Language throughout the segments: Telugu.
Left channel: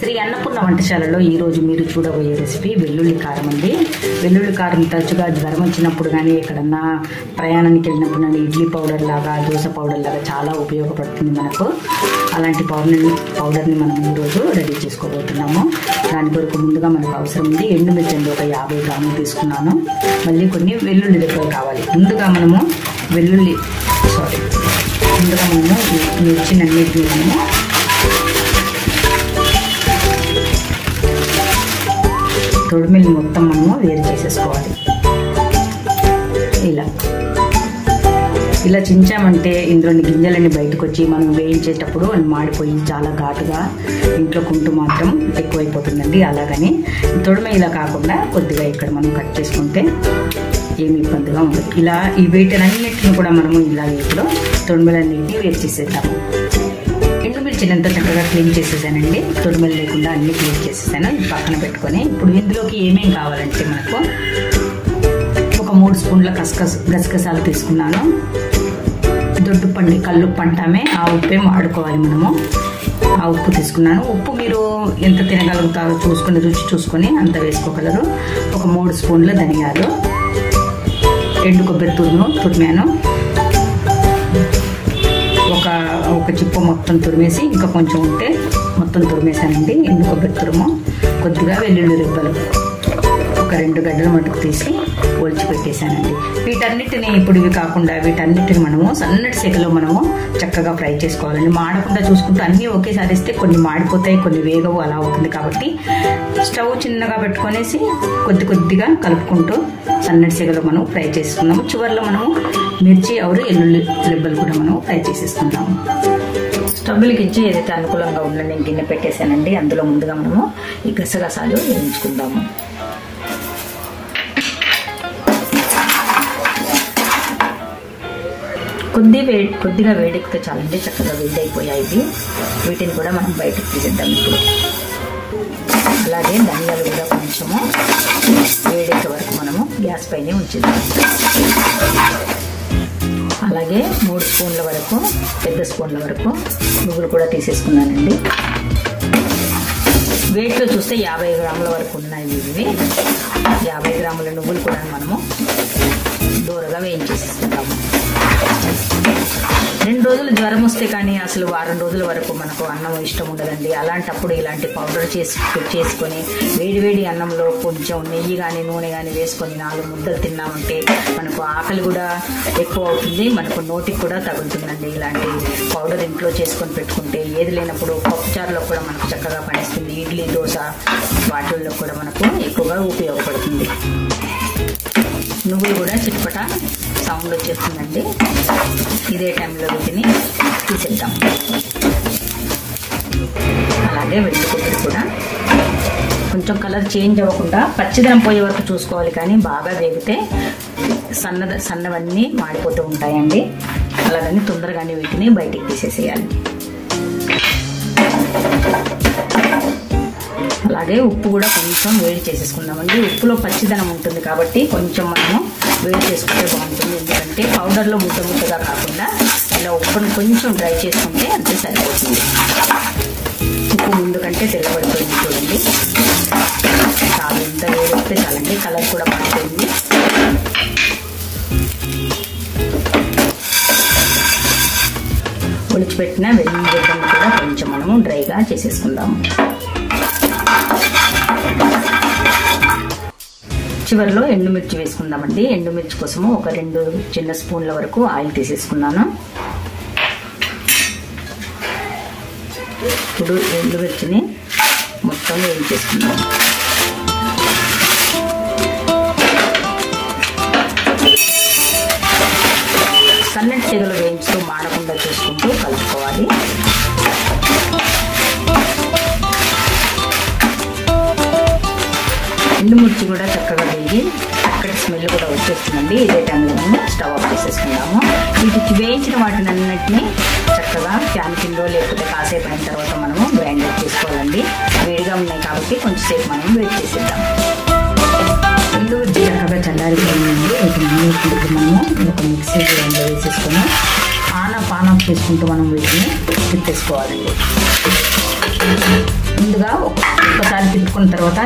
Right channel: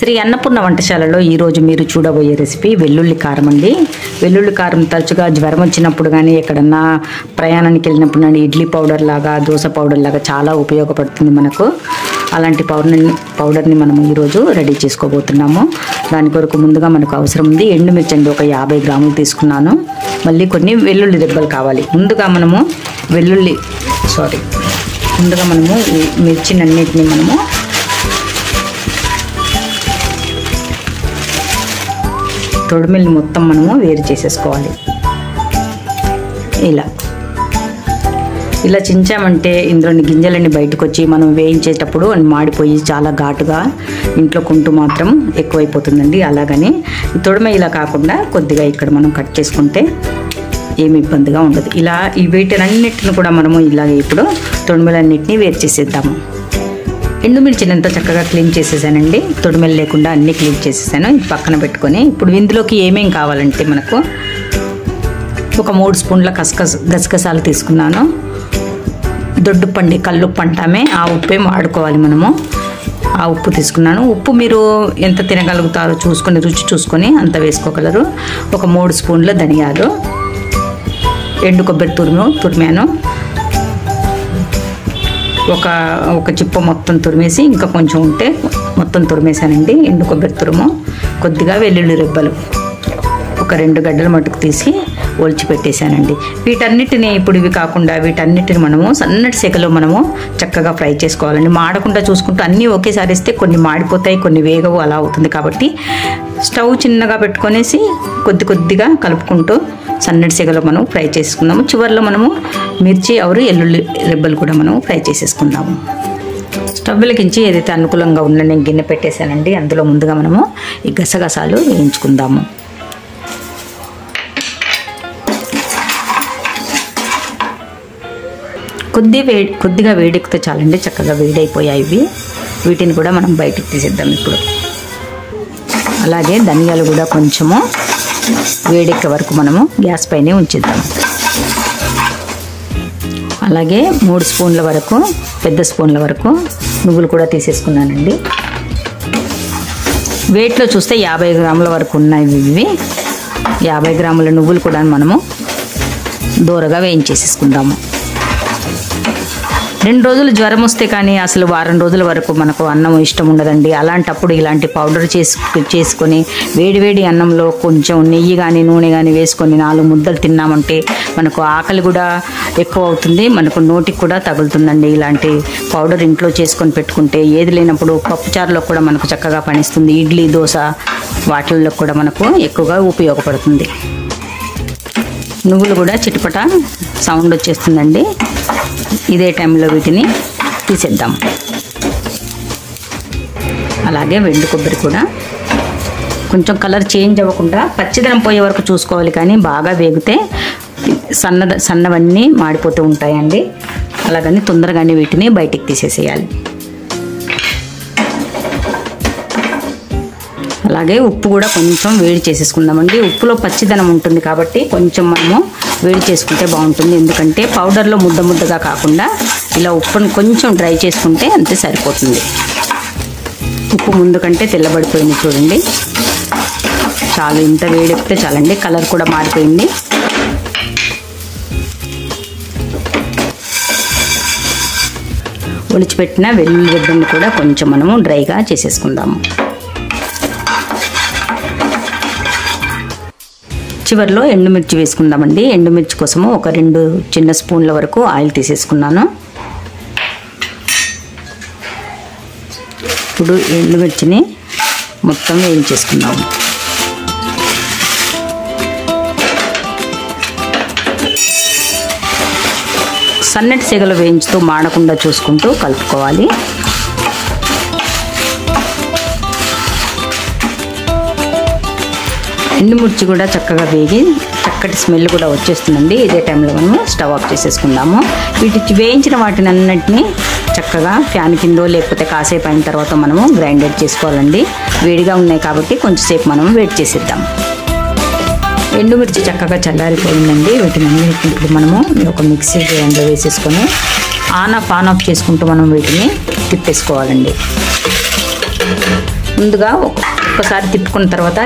శ్రీ అన్నపూర్ణ వంటశాలలో ఈరోజు మీరు చూడబోయే రెసిపీ వెల్లుల్లి కారం అండి. వెల్లుల్లి కారం తరచుగా జ్వరం వచ్చినప్పుడు కానీ ఎక్కడన్నా ప్రయాణానికి వెళ్ళినప్పుడు కానీ ఇడ్లీ పౌడర్ లాగా దోశ పౌడర్ లాగా చాలా ఉపయోగపడుతుంది మనకు. అలాంటి పౌడర్ని మనం ఈరోజు రెడీ చేసుకోబోతున్నాము. దాని కొరకు ముందుగా మనకు అవసరం ఉంది ఎండుమిర్చి అండి, ఒక 50 గ్రాములు తీసుకున్నాను. మళ్ళీ కొన్ని వెల్లుల్లి దెబ్బలు కావాలి. ముందుగా మనము మిర్చినన్నిటిని మనము తొడిమిల్ని మొత్తం మనము వేరు చేసేసుకోవాలి. ఇలా చించామంటే ఇందులోని గింజలన్నీ బయటకు వచ్చి మనం వేయించేటప్పుడు మాడిపోయి చాలా ఘాటుగా ఇంట్లో కుంటూ మాత్రం ఎక్కువైపోతుందండి. అలాగని తొడిమ ఇలా కాకుండా కొద్దిగా ఇక్కడ మనం కట్ చేసుకుంటే ఏమి ఇబ్బందిగా ఉండదు. ఇలా ఈ వీటినన్నిటిని కూడా మనము ఇలాగే ఇప్పుడు తొడిమలన్నిటిని వేరు చేసేద్దాము. ఎండుమిర్చిని ఎంతో చక్కగా క్లీన్ చేసేసానండి. తొడిమెలు లేకుండా అన్నీ క్లీన్ చేసేసాను. ఇది పక్కన పెట్టుకొని ఇప్పుడు ఇందులోకి ఏమేం కావాలంటే మనకు ఒక 3 స్పూన్ల గసగసాలు తీసుకున్నాను. దొడ్డుపండి కల్లుప్పు అంటామే, ఆ ఉప్పే వాడుకోవాలి మనము. ఆ ఉప్పు తీసుకున్నాను. ఉప్పు మీరు ఎంత తినగలుగుతారో చూసుకొని రుచి చూసుకొని అంత వేసుకోగలరు. ఒక 3 స్పూన్ల ధనియాలు, ఎండు కొబ్బరి తురిమాను. ఒక చిప్ప మొత్తం తురిమేసి ఇంకా కొంచెం ఉంటే మొత్తం తురిమేసానండి. ఎండు కొబ్బరి తురుము, కొద్దిగా వెల్లుల్లి రెబ్బలు, ఒక 2 గడ్డల మటుకు తీసి ఒలిచి పెట్టేశానండి. వీటన్నిటిని ఇప్పుడు ఇవి కాకుండా వీటన్నిటిని మనము సన్నటి సెగలో మనము చక్కగా ఫ్రై చేసుకోవాలండి. మాడకుండా చూసుకుంటూ అన్నీ ఒకేసారి వేస్తే కొన్ని మాడిపోతాయి, కొన్ని వేగవు, అలా అవుతుంది. కాబట్టి స్టవ్ చిన్నగా పెట్టుకొనేసి కొద్దిగా కలుపుకుంటూ సన్నటి సెగలో మనం ఫ్రై చేసుకుందాము. చివరిలో మనము మిర్చి ఎల్లుల్లి రెబ్బలు కూడా మనం ఫ్రై చేసేసుకుందాము. స్టవ్ వెలిగించి ఏదైతే అనుకూలంగా ఉందో నేను గిన్నె పెట్టేశానండి. అందులో ముందుగా మనము ఈ గసగసాలు వేయించుకుందాము. కొద్దిగా వేడెక్కితే చాలండి, చక్కగా వేడైపోయాయి ఇవి. వీటిని కూడా మనం బయటకు తీసేద్దాం ఇప్పుడు. అలాగే ధనియాలు కూడా కొంచెము వేడెక్కే వరకు మనము గ్యాస్ పైనే ఉంచిద్దాం. అలాగే 3 స్పూన్ల వరకు పెద్ద స్పూన్ల వరకు నువ్వులు కూడా తీసేసుకున్నానండి. వెయిట్లో చూస్తే 50 గ్రాముల వరకు ఉన్నాయి ఇవి. 50 గ్రాముల నువ్వులు కూడా మనము దూరగా వేయించేసేసుకుందాము. 2 రోజులు జ్వరం వస్తే కానీ అసలు వారం రోజుల వరకు మనకు అన్నం ఇష్టం ఉండదండి. అలాంటప్పుడు ఇలాంటి పౌడర్ చేసుకొని వేడివేడి అన్నంలో కొంచెం నెయ్యి కానీ నూనె కానీ వేసుకొని 4 ముద్దలు తిన్నామంటే మనకు ఆకలి కూడా ఎక్కువ అవుతుంది, మనకు నోటికి కూడా తగులుతుందండి. ఇలాంటి పౌడర్ ఇంట్లో చేసుకొని పెట్టుకుంటే ఏది లేనప్పుడు పప్పుచారులో కూడా మనకు చక్కగా పనిస్తుంది. ఇడ్లీ దోశ వాటిల్లో కూడా మనకు ఎక్కువగా ఉపయోగపడుతుంది. నువ్వులు కూడా చిటపట సౌండ్ వచ్చేస్తుందండి. ఇదే టైంలో వీటిని తీసేద్దాం. అలాగే వెండి కొబ్బరి కూడా కొంచెం కలర్ చేంజ్ అవ్వకుండా పచ్చిదనం పోయే వరకు చూసుకోవాలి. కానీ బాగా వేగితే సన్నవన్నీ మాడిపోతూ ఉంటాయండి. అలాగని తొందరగానే వీటిని బయటికి తీసేసేయాలి. అలాగే ఉప్పు కూడా కొంచెం వేడి చేసేసుకుందామండి. ఉప్పులో పచ్చిదనం ఉంటుంది కాబట్టి కొంచెం మనము వేడి చేసుకుంటే బాగుంటుంది. ఎందుకంటే పౌడర్లో ముద్దగా కాకుండా ఇలా ఉప్పును కొంచెం డ్రై చేసుకుంటే అంతే సరిపోతుంది. ఉప్పు ముందు కంటే తెల్లబడిపోయింది చూడండి. చాలా ఇంత వేడెక్కితే చాలండి. కలర్ కూడా మారిపోయింది. ఒలిచిపెట్టిన వెల్లుల్లి రెబ్బను కూడా కొంచెం మనము డ్రైగా చేసేసుకుందాము. చివరిలో ఎండుమిర్చి వేసుకుందామండి. ఎండుమిర్చి కోసము ఒక 2 చిన్న స్పూన్ల వరకు ఆయిల్ తీసేసుకున్నాను. ఇప్పుడు ఎండుమిర్చిని మొత్తం వేయించేసుకుందాము. సన్నటి సెగలు వేయించుతూ మాడకుండా చూసుకుంటూ కలుపుకోవాలి. ఎండుమిర్చి కూడా చక్కగా వేగి చక్కటి స్మెల్ కూడా వచ్చేస్తుందండి. ఇదే టైంలో మనం స్టవ్ ఆఫ్ చేసేసుకుందాము. వీటికి వేయించిన వాటిని అన్నింటినీ చక్కగా ఫ్యాన్ కిందో లేకపోతే కాసేపు అయిన తర్వాత మనము గ్రైండర్ చేసుకోవాలండి. వేడిగా ఉన్నాయి కాబట్టి కొంచెంసేపు మనం వేడి చేసేద్దాం. ఎండుమిర్చి చక్కగా చల్లారిపోయిందండి. వీటిని మనము ఒక మిక్సీ గ్రైండర్ వేసేసుకొని ఆన్ ఆఫ్ చేసుకుంటూ మనం వీటిని తిప్పేసుకోవాలండి. ముందుగా ఒకసారి తిప్పుకున్న తర్వాత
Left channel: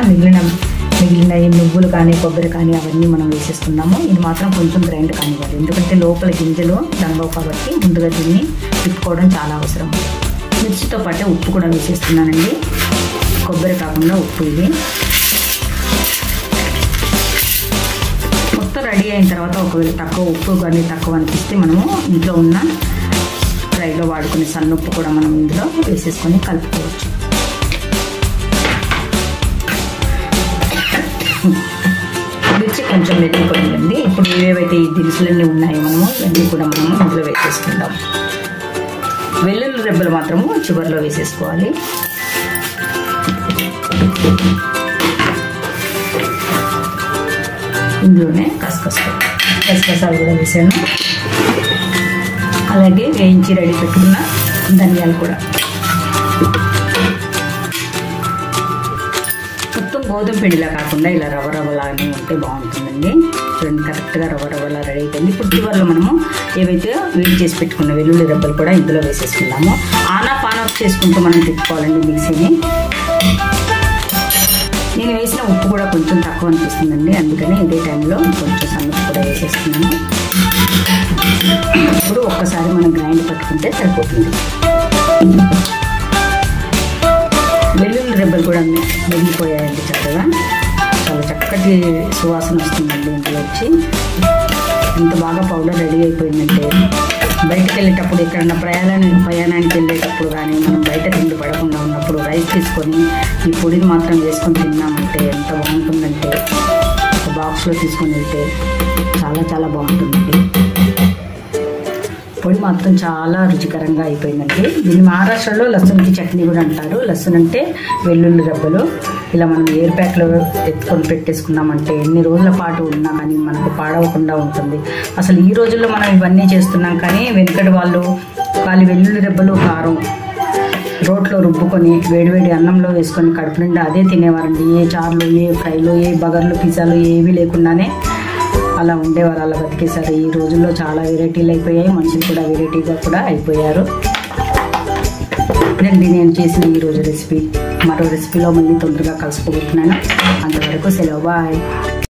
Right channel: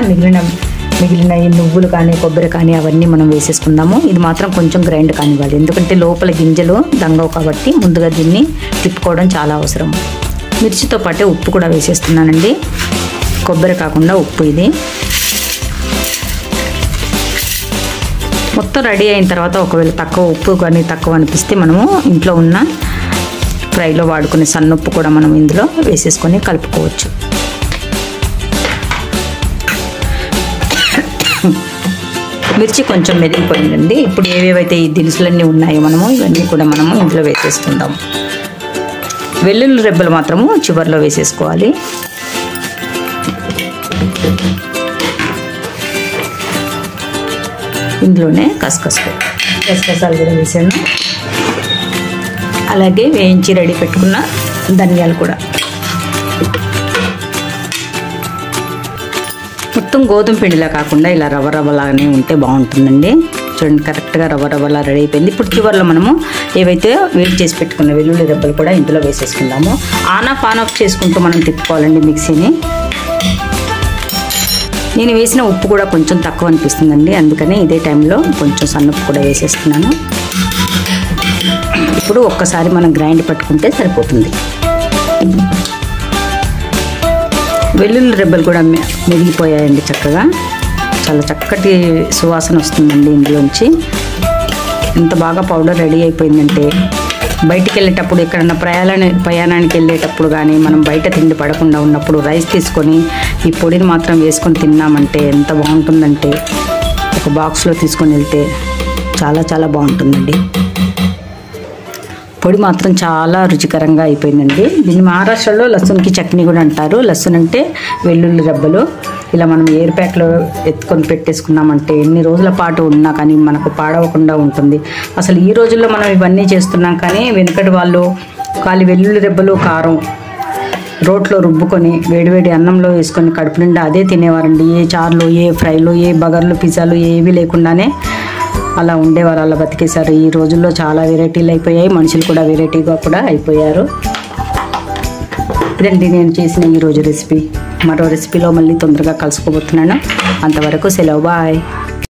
మిగిలిన ఈ నువ్వులు కానీ కొబ్బరి కానీ అవన్నీ మనం వేసేసుకుందాము. ఇది మాత్రం కొంచెం గ్రైండ్ కానివ్వాలి, ఎందుకంటే లోపల గింజలు దంగవు కాబట్టి ముందుగా దీన్ని తిప్పుకోవడం చాలా అవసరం. మిర్చితో పాటే ఉప్పు కూడా వేసేస్తున్నానండి, కొబ్బరి కాకుండా ఉప్పు. ఇది మొత్తం రెడీ అయిన తర్వాత ఒకవేళ ఉప్పు కానీ తక్కువ అనిపిస్తే మనము ఇంట్లో ఉన్న ఫ్రైలో వాడుకునే సన్నుప్పు కూడా మనం ఇందులో వేసేసుకొని కలుపుకోవచ్చు. మిర్చి కొంచెం మెరిగిపోయిందండి. ఇప్పుడు ఏవేవైతే ఈ దినుసులన్నీ ఉన్నాయో ఇవన్నీ కూడా మనము ఇందులో వేసేసుకుందాం. వెల్లుల్లి రెబ్బలు మాత్రము చివరిలో వేసేసుకోవాలి. ఇందులోనే గసగసాలు కూడా వేసాను, అలాగే వేయించి రెడీ పెట్టుకున్న ధనియాలు కూడా. మొత్తం గోధుమ పిండిలా కాకుండా ఇలా రవ్వలాగానే ఉంటే బాగుంటుందండి. చూడండి, కరెక్ట్గా రవ్వలా రెడీ అయిపోయింది. ఇప్పుడు చివరిలో మనము ఏవైతే వేడి చేసి పెట్టుకున్న వెల్లుల్లి రెబ్బలు కూడా ఇందులో వేసేసుకుందాము. ఆన్ ఆఫ్ చేసుకుంటూ మనం తిప్పుకోవాలండి మిక్సీని. నేను వేసిన ఉప్పు కూడా కొంచెం తక్కువ అనిపిస్తుందండి, అందుకని ఇదే టైంలో కొంచెం సన్నుప్పు కూడా వేసేస్తున్నాను. ఇప్పుడు ఒక్కసారి మనం గ్రైండ్ పట్టుకుంటే సరిపోతుంది. వెల్లుల్లి రెబ్బలు కూడా మెరిగిపోయాయండి చక్కగా. చాలా చక్కటి సువాసన వస్తుందండి ఇందులోంచి. ఎంత బాగా పౌడర్ రెడీ అయిపోయిందంటే బయటికి వెళ్ళేటప్పుడు ఎక్కడన్నా ప్రయాణానికి వెళ్ళేటప్పుడు కానీ మనం బయట తిండి పడకుండా ఉన్నప్పుడు రైస్ తీసుకొని ఈ పొడిని మాత్రం వేసుకొని తిన్నామంటే ఎంత బాగుంటుందంటే, ఒక బాక్స్లో తీసుకొని వెళ్తే చాలా బాగుంటుందండి. పొడి మాత్రం చాలా రుచికరంగా అయిపోయిందండి. దీన్ని మహారాష్ట్రలో లస్సున్కి చట్నీ కూడా అంటారు. లస్సున్ అంటే వెల్లుల్లి రెబ్బలు. ఇలా మనం ఎయిర్ ప్యాక్లో ఎత్తుకొని పెట్టేసుకున్నామంటే ఎన్ని రోజుల పాటు ఉన్నా కానీ మనకు పాడవకుండా ఉంటుంది. అసలు ఈ రోజుల్లో మనం ఇవన్నీ చేస్తున్నాం, కానీ వెనుకటి వాళ్ళు వెల్లుల్లి రెబ్బలు కారం రోట్లో రుబ్బుకొని వేడివేడి అన్నంలో వేసుకొని కడుపు నిండా అదే తినేవారండి. ఏ చారులు, ఏ ఫ్రైలు, ఏ బగర్లు, పిజ్జాలు ఏవి లేకుండానే అలా ఉండేవారు, అలా బతికేశారు. ఈ రోజుల్లో చాలా వెరైటీలు అయిపోయాయి, మనుషులు కూడా వెరైటీగా కూడా అయిపోయారు. ఇదండి నేను చేసిన ఈరోజు రెసిపీ. మరో రెసిపీలో మళ్ళీ తొందరగా కలుసుకోబోతున్నాను. అంతవరకు సెలవు, బాయ్.